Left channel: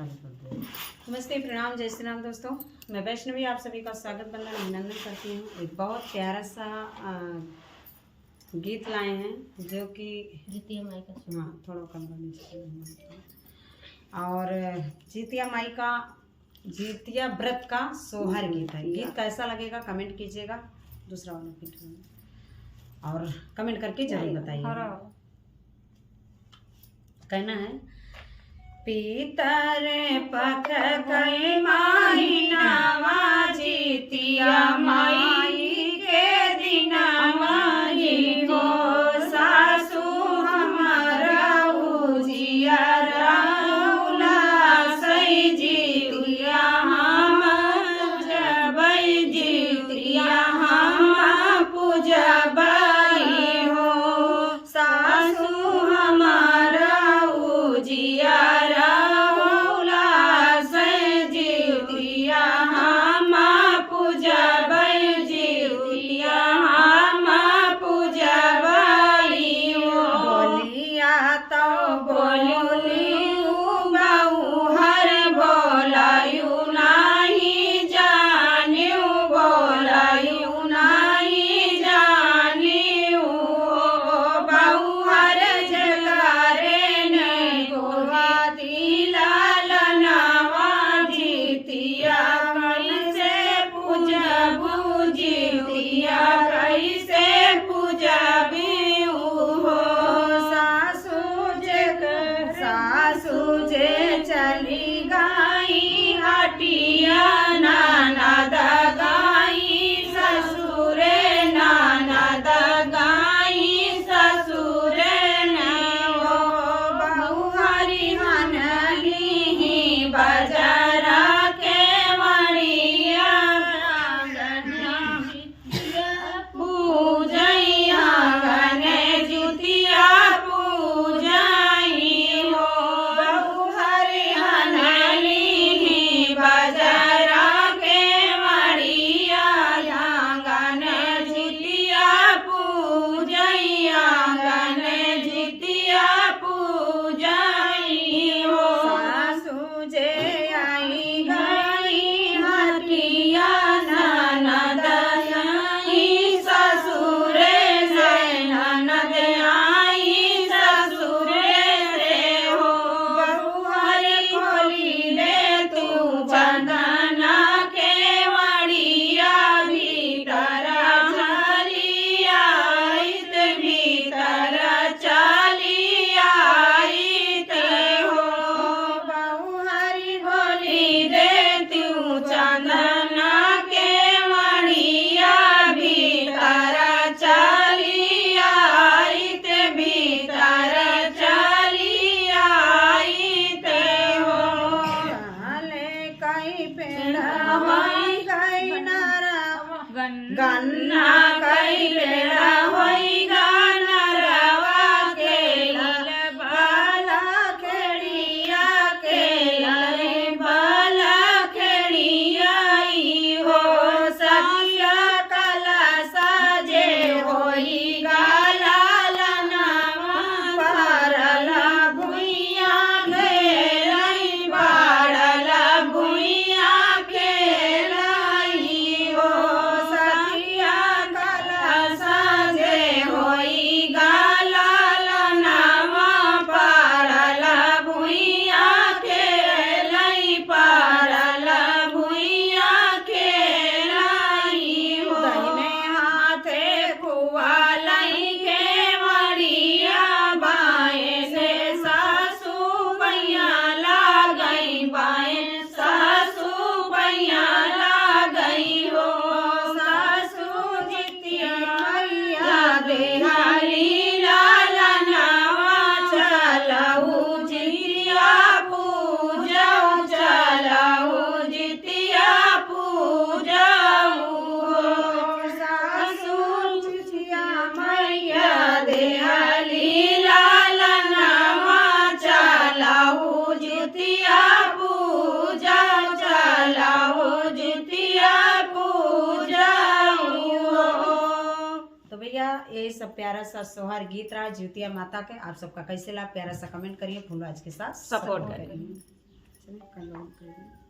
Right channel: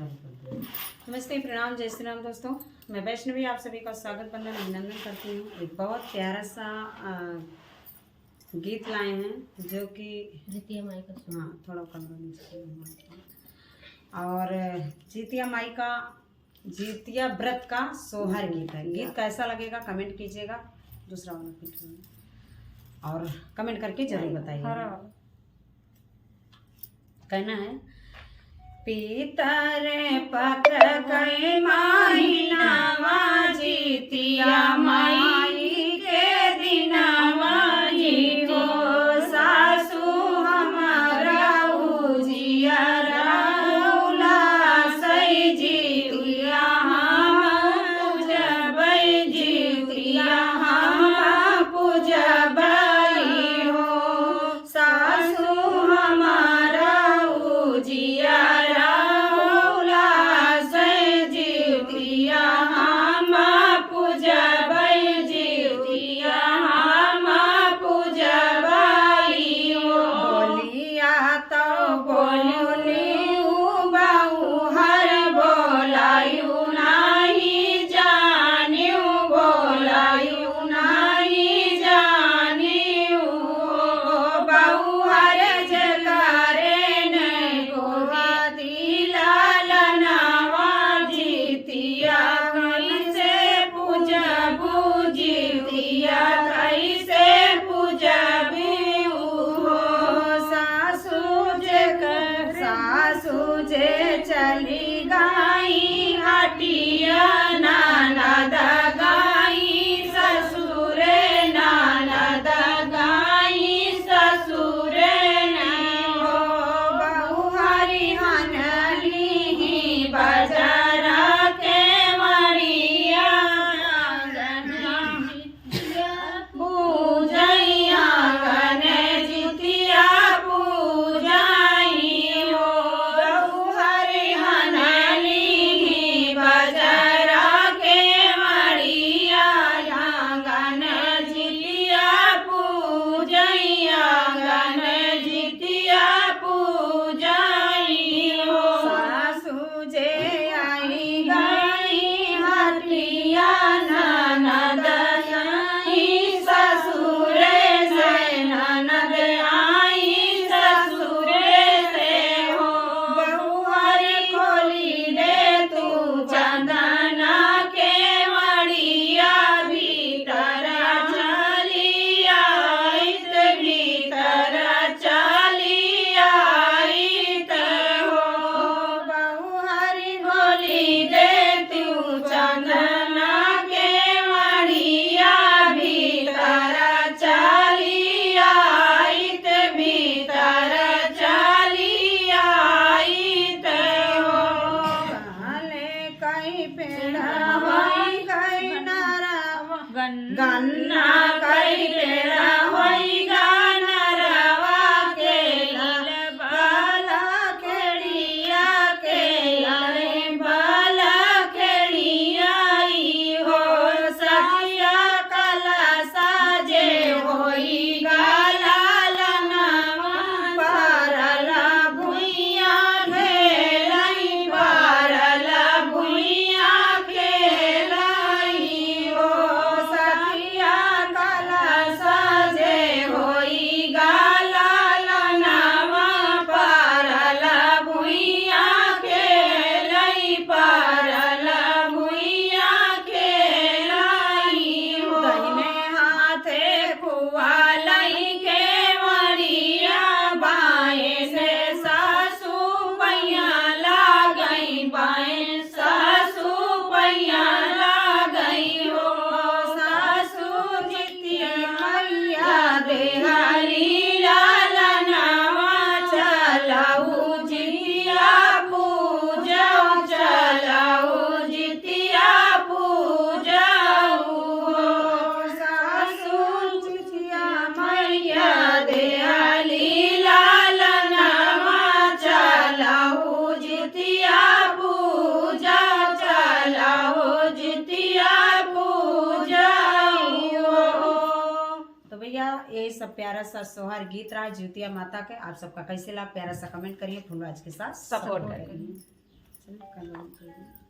नमस्ते, प्रणाम, जय श्री राम दोस्तों। मैं वैष्णवी आप सभी का स्वागत वंदन अभिनंदन करती हूँ। एक बहुत प्यारा सा गीत लाए हैं जो कि जितिया माई का हाँ थोड़ा कमरा नीचे और जितिया माई का जितिया व्रत का सोहर गीत है। गीत कैसा लगेगा कमेंट कीजिएगा। दूसरा वाला पीठ और कमेंट करके जरूर बताइएगा। कहना है पीतर पथ कई माहिनावा जितिया माई के दिनावा हो सासू हमारा उजियारा सई जितिया हम पूजबै जितिया हम पूजबै हो सासू हमारा उजियारा चली गाई हटिया ननद गाई ससुरे ननद गाई ससुरे हो बहु हरिहन ली बजरा के मरिया पूजैया गने जितिया गन्ना कई पेड़ा होई नरवा के लाल बाला खेड़िया के लाल बाला खेड़िया हो सखिया कला साजे होई गाला लनावा पारला भुइया खेलाई पारला भुइया खेलाई हो यही सब प्यारा सा सोहर गीत रहा जितिया माता के। आप सबका कैसे लगा प्यारा सा कमेंट करिए। फुलराज के साथ सपोर्ट करिए। बंद कर दूँ।